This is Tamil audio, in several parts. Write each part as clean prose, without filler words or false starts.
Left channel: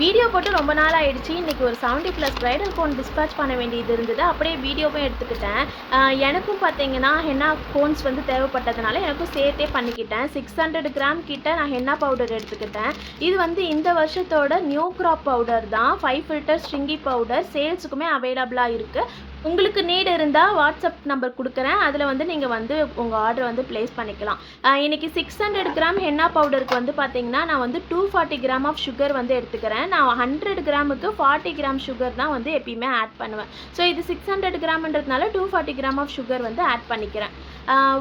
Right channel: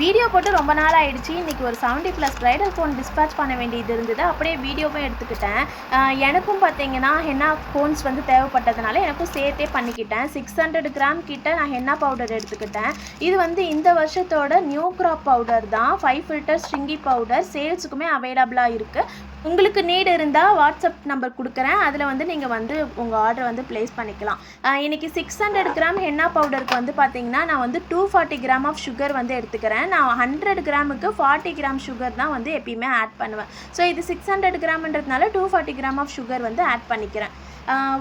வீடியோ போட்டு ரொம்ப நாள் ஆயிடுச்சு. இன்றைக்கி ஒரு 70+ ப்ரைடல் கோன் டிஸ்பேச் பண்ண வேண்டியது இருந்தது. அப்படியே வீடியோவும் எடுத்துக்கிட்டேன். எனக்கும் பார்த்தீங்கன்னா ஹென்னா கோன்ஸ் வந்து தேவைப்பட்டதுனால எனக்கும் சேர்த்தே பண்ணிக்கிட்டேன். 600 கிராம் கிட்ட நான் ஹென்னா பவுடர் எடுத்துக்கிட்டேன். இது வந்து இந்த வருஷத்தோட நியூ கிராப் பவுடர் தான். 5 ஃபில்டர் ஸ்ட்ரிங்கி பவுடர் சேல்ஸுக்குமே அவைலபிளாக இருக்குது. உங்களுக்கு நீட் இருந்தால் வாட்ஸ்அப் நம்பர் கொடுக்குறேன். அதில் வந்து நீங்கள் வந்து உங்கள் ஆர்டர் வந்து ப்ளேஸ் பண்ணிக்கலாம். இன்றைக்கி 600 கிராம் ஹென்னா பவுடருக்கு வந்து பார்த்திங்கன்னா நான் வந்து 240 கிராம் ஆஃப் சுகர் வந்து எடுத்துக்கிறேன். நான் 100 கிராமுக்கு 40 கிராம் சுகர் தான் வந்து எப்பயுமே ஆட் பண்ணுவேன். ஸோ இது 600 கிராம்ன்றதுனால 240 கிராம் ஆஃப் சுகர் வந்து ஆட் பண்ணிக்கிறேன்.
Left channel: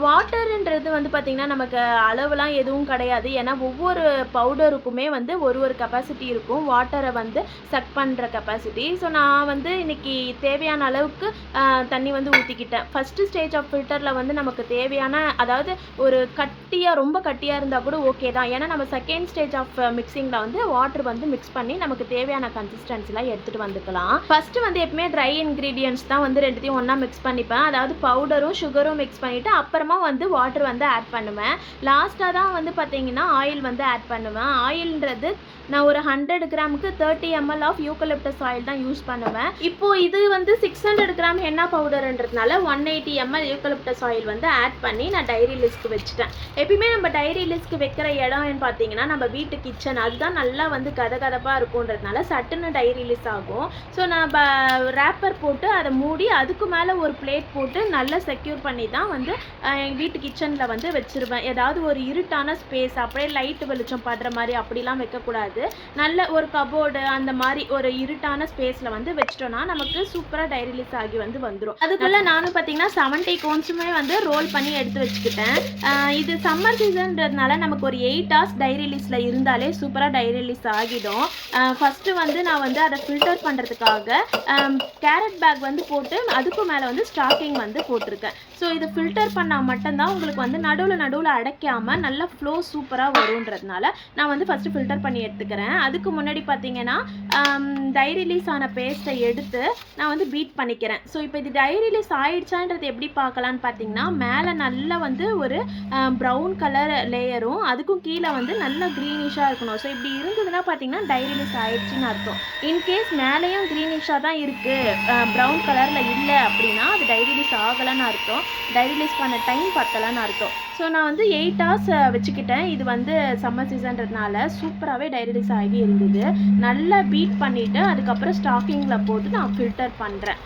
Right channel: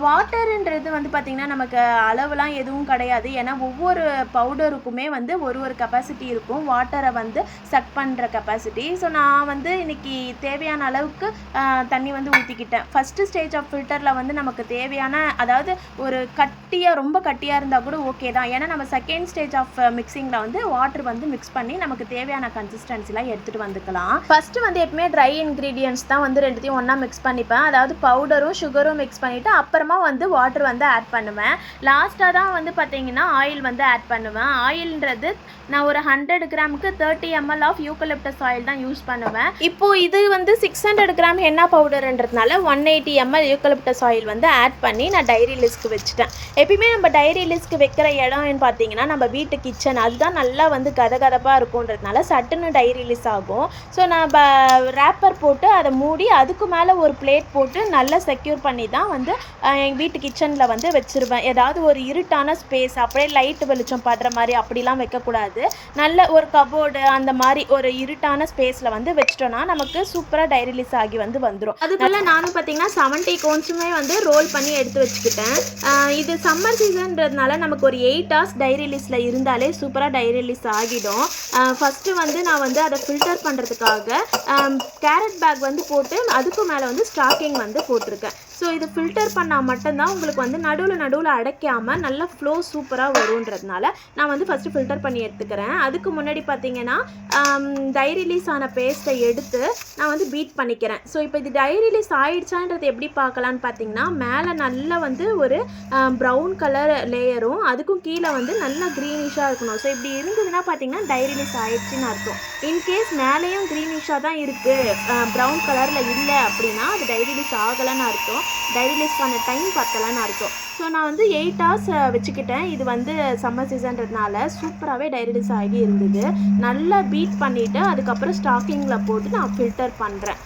வாட்டருன்றது வந்து பார்த்திங்கன்னா நமக்கு அளவுலாம் எதுவும் கிடையாது. ஏன்னா ஒவ்வொரு பவுடருக்குமே வந்து ஒரு கெப்பாசிட்டி இருக்கும், வாட்டரை வந்து சக் பண்ணுற கெப்பாசிட்டி. ஸோ நான் வந்து இன்றைக்கி தேவையான அளவுக்கு தண்ணி வந்து ஊற்றிக்கிட்டேன். ஃபஸ்ட்டு ஸ்டேஜ் ஆஃப் ஃபில்டரில் வந்து நமக்கு தேவையான, அதாவது ஒரு ரொம்ப கட்டியாக இருந்தால் கூட ஓகே தான். ஏன்னா நம்ம செகண்ட் ஸ்டேஜ் ஆஃப் மிக்சிங்கில் வந்து வாட்டர் வந்து மிக்ஸ் பண்ணி நமக்கு தேவையான கன்சிஸ்டன்சிலாம் எடுத்துகிட்டு வந்துக்கலாம். ஃபஸ்ட்டு வந்து எப்பவுமே ட்ரை இன்க்ரீடியன்ட்ஸ் தான் வந்து ரெண்டுத்தையும் ஒன்றா மிக்ஸ் பண்ணிப்பேன். அதாவது பவுடரும் சுகரும் மிக்ஸ் பண்ணிவிட்டு அப்புறமா வந்து வாட்டர் வந்து ஆட் பண்ணுவேன். லாஸ்ட்டாக தான் வந்து பார்த்தீங்கன்னா ஆயில் வந்து ஆட் பண்ணுவேன். ஆயில்ன்றது நான் ஒரு 100 கிராமுக்கு 30 ml ஆஃப் யூக்கலிப்டஸ் ஆயில் தான் யூஸ் பண்ணுவேன். இப்போது இது வந்து 600 கிராம் ஹென்னா பவுடர்ன்றதுனால 180 ml யூக்கலிப்டஸ் ஆயில் வந்து ஆட் பண்ணி நான் டைரி லிஸ்க்கு வச்சுட்டேன். எப்பயுமே நம்ம டைரி லிஸ்க்கு வைக்கிற இடம்னு பார்த்தீங்கன்னா நம்ம வீட்டு கிச்சன், அதுதான் நல்லா வந்து கதகதப்பாக இருக்குன்றதுனால சட்டுன்னு டைரி லிஸ் ஆகும். ஸோ நான் ரேப்பர் போட்டு அதை மூடி அதுக்கு மேலே ஒரு பிளேட் போட்டு நல்லா செக்யூர் பண்ணி தான் வந்து எங்கள் வீட்டு கிச்சனில் வந்து வச்சுருவேன். ஏதாவது ஒரு இருட்டான ஸ்பேஸ், அப்படியே லைட்டு வெளிச்சம் படுற மாதிரி அப்படிலாம் வைக்கக்கூடாது. நல்ல ஒரு கபோர்டு அந்த மாதிரி ஒரு இருட்டான ஸ்பேஸில் வந்து வச்சிட்டோன்னா நமக்கு சூப்பராக டைரி ரிலீஸ் ஆகி வந்துடும். அதுக்குள்ளே நானும் பார்த்தீங்கன்னா 70 கோன்ஸுமே வந்து ரோல் பண்ணி எடுத்து வச்சுக்கிட்டேன். இது சம்மர் சீசன்றதுனால நமக்கு ஒரு 8 hours டைரி ரிலீஸில் இருந்தாலே சூப்பராக டைரி ரிலீஸ் ஆகிடும். ஃபஸ்ட்டு வந்து நான் வந்து அதை ஃபில்டர் பண்ணுறதுக்காக கேரட் பேக் வந்து போட்டு அதுக்கு மேலே வந்து ஸ்டாக்கிங் வந்து போட்டிருக்கேன். ஸோ இது ஃபில்டர் பண்ணால் மட்டும்தான் உங்களுக்கு வந்து நடுவில் அடைக்காமல் நல்லா ஃப்ளோ சூப்பராக வருன்றதுனால நான் வந்து ஃபஸ்ட்டு ஃபில்டர் பண்ணி எடுத்துக்கிறேன். அதுக்கு முன்னாடி பார்த்தீங்கன்னா டை ரிலீஸ் ஆன பேஸ்ட்டை எடுத்து நான் வந்து பீட் பண்ணிக்கிறேன். ஸோ இப்போ இது டை ரிலீஸ் ஆகிடுச்சான்றது எப்படி பார்க்கலான்னு பார்த்தீங்கன்னா மேலே நல்லா வந்து ஒரு ப்ரௌன் கலர் லேயரும் அதுக்கும் கீழே வந்து நல்லா க்ரீனிஷாக இருக்கணும். ஸோ இப்படி இருந்ததுன்னா பார்த்தீங்கன்னா டை ரிலீஸ் ஆகிடுச்சின்னு அர்த்தம். இன்கேஸ் மேலேயும் க்ரீனிஷாக தான் இருக்குது, ப்ரௌன் கலரில் இல்லை அப்படின்னா அது டை ரிலீஸ் ஆகலைன்னு அர்த்தம். டை ரிலீஸ் பண்ண டைம் பத்தலைன்னு அர்த்தம். ஸோ நான் வந்து 8 hours வச்சுக்கிட்டேன். இது வந்து சம்மர் சீசன்றதுனால சூப்பராகவே டை ரிலீஸ் ஆகி இருந்தது. நல்லா பீட் பண்ணிவிட்டு அதுக்கப்புறம் ஸ்டாக்கிங்கில் போட்டு நான் ஃபில்டர் பண்ணுறேன்.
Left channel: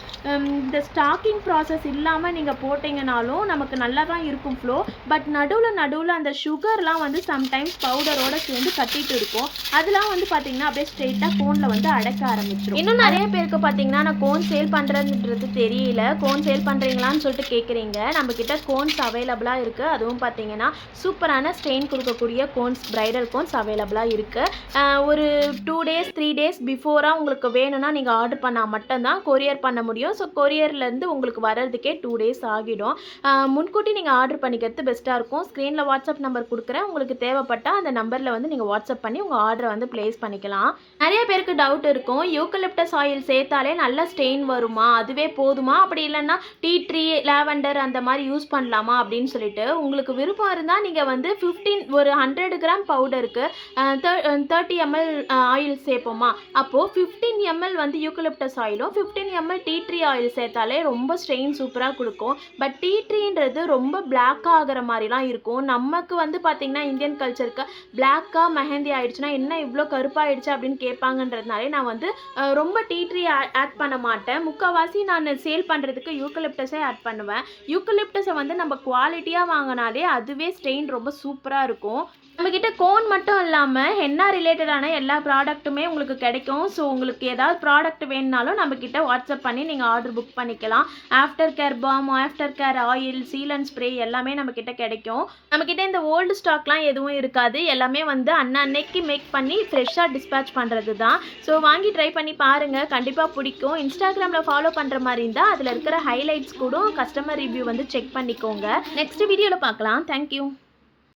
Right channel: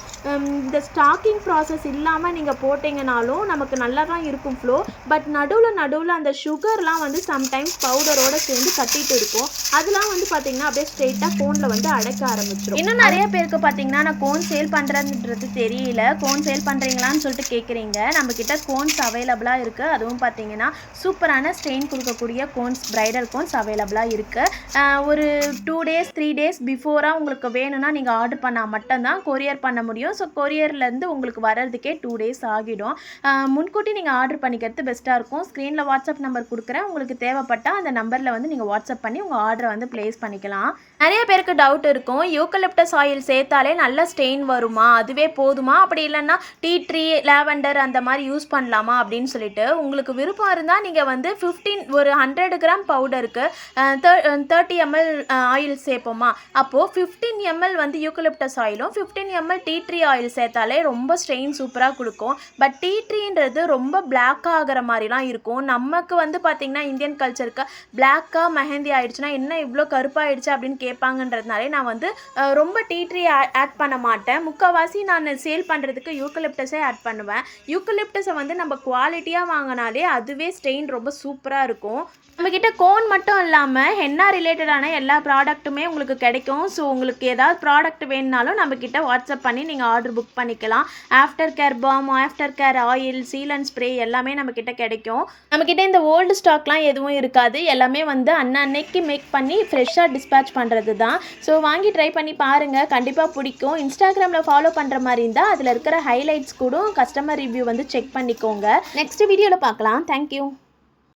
இந்த ஸ்டாக்கிங் ப்ராசஸ் இல்லாமல் நீங்கள் போட்டிங்கனாலும் நமக்கு நல்லா தான் இருக்கும் ஃப்ளோ. பட் நடுவில் அந்த சுகர்லாம் வந்து சம்டைம்ஸ் பவுடரோடு சேர்ந்து கட்டிகிட்டு இருக்கும். அதெல்லாம் வந்து பார்த்திங்கன்னா அப்படியே ஸ்ட்ரெயிட்டாக கோனில் வந்து அடைக்க ஆரம்பிச்சிடும். இன்னும் நிறைய பேருக்கு பார்த்திங்கன்னா நான் கோன் சேல் பண்ணுறதுன்றது தெரியல. கோன் சேல் பண்ணுறீங்களான்னு சொல்லிட்டு கேட்குறீங்க. நம்மக்கிட்ட கோன்ஸ் அவைலபிளாக இருக்குது. அதுவும் பார்த்தீங்கன்னா சூப்பரான ஸ்டெயின் கொடுக்கக்கூடிய கோன்ஸ், பிரைடல் கோன்ஸ் அவைலபிளாக இருக்குது. ஒரு 2 days 3 days பிஃபோராக உங்களுக்கு வேணும்னா நீங்கள் ஆர்டர் பண்ணால் மட்டும்தான் கொரியர் பண்ண முடியும். ஸோ கொரியர்லேருந்து உங்களுக்கு வர்றதுக்கே 2 days ஆகிடும். முன்கூட்டி நீங்கள் ஆர்டர் பண்ணிக்கிறது பெஸ்ட்டாக இருக்கும். ஸ்க்ரீனில் வாட்ஸ்அப் நம்பர் கொடுக்குறேன். உங்களுக்கு தேவைப்பட்டால் அந்த நம்பரில் வந்து நீங்கள் வாட்ஸ்அப் பண்ணி உங்கள் ஆர்டரை வந்து ப்ளேஸ் பண்ணிக்கலாம். நிறைய பேருக்கு டவுட் இருக்கும், யூக்கலிப்டஸ் ஆயில் சேர்த்தாலே நல்ல ஸ்டெயின் வருமா, அதுவே போதுமா, அப்படி இல்லைன்னா டீ ட்ரீ லாவெண்டர் அந்த மாதிரி யூஸ் பண்ணலாமா அப்படின்னு சொல்லிட்டு. உங்களுக்கு விருப்பம் இருந்தால் நீங்கள் வந்து 100 கிராம் பவுடருக்கு 30 ml ஆயில் சேர்ப்போமா, அப்போது 15 ml வந்து யூக்கலிப்டஸ் ஆயிலும் 15 ml டீ ட்ரீ ஆயில் சேர்த்தாலே ரொம்ப ஸ்ட்ரெயின் சூப்பராக கொடுக்கும். பட் டீ ட்ரீன்றது ரொம்ப பிளாக்காக ஆகிற மாதிரிலாம் இருக்கும். நமக்கு வந்து பார்த்திங்கன்னா இந்தியன் கல்ச்சருக்கு பிளாக்காக மெஹந்தி ஆகிடுச்சுன்னா என்ன இவ்வளோ கருப்பாகிடுச்சு அப்படின்னு கேட்பாங்கன்றதுனாலே நான் வந்து ரொம்ப டீ ட்ரீ ஆட் பண்ண மாட்டேன். முக்கால்வாசி நான் சேல் பண்ணுறதுக்கு யூக்கலிப்டஸே ஆட் பண்ணுவேன். யூக்கலிப்டஸை வந்து நம்ம குவாலிட்டியாக வாங்கினாலே அதுவே ஸ்டெயின் ரொம்ப சூப்பராக இருக்கும். நம்மக்கிட்ட கோன் மட்டும் இல்லாமல் ஹென்னா ரிலேட்டடான எல்லா ப்ராடக்ட்டுமே உங்களுக்கு கிடைக்கும். ஸோ உங்களுக்கு ஏதாவது ப்ராடக்ட் வேணுனாலும் நம்மக்கிட்ட வாட்ஸ்அப் பண்ணி நீங்கள் ஆர்டர் புக் பண்ணிக்கலாம். Aftercare balm, aftercare oil, seal and spray எல்லாமே நம்மக்கிட்ட கிடைக்கும். நம்மக்கிட்ட இந்த ஓல்டு ஸ்டாக்லாம் எதுவும் இருக்காது. எல்லாமே வந்து அன்னைக்கு மேக் பண்ணி ஃப்ரெஷ்ஷாக டிஸ்பேச் பண்ணுறது தான். ஸோ வாங்கி ட்ரை பண்ணி பாருங்கள், கண்டிப்பாக பிடிக்கும். இன்ஸ்டாகிராமில் ஃபாலோ பண்ணுற மாதிரி இருந்தால் அதில் இருக்கிற ஹைலைட்ஸ் கூட கஸ்டமர் ரிவ்யூ வந்து செக் பண்ணிக்கோங்க. நெக்ஸ்ட் வீடியோவில் பார்க்கலாம். தேங்க்யூ.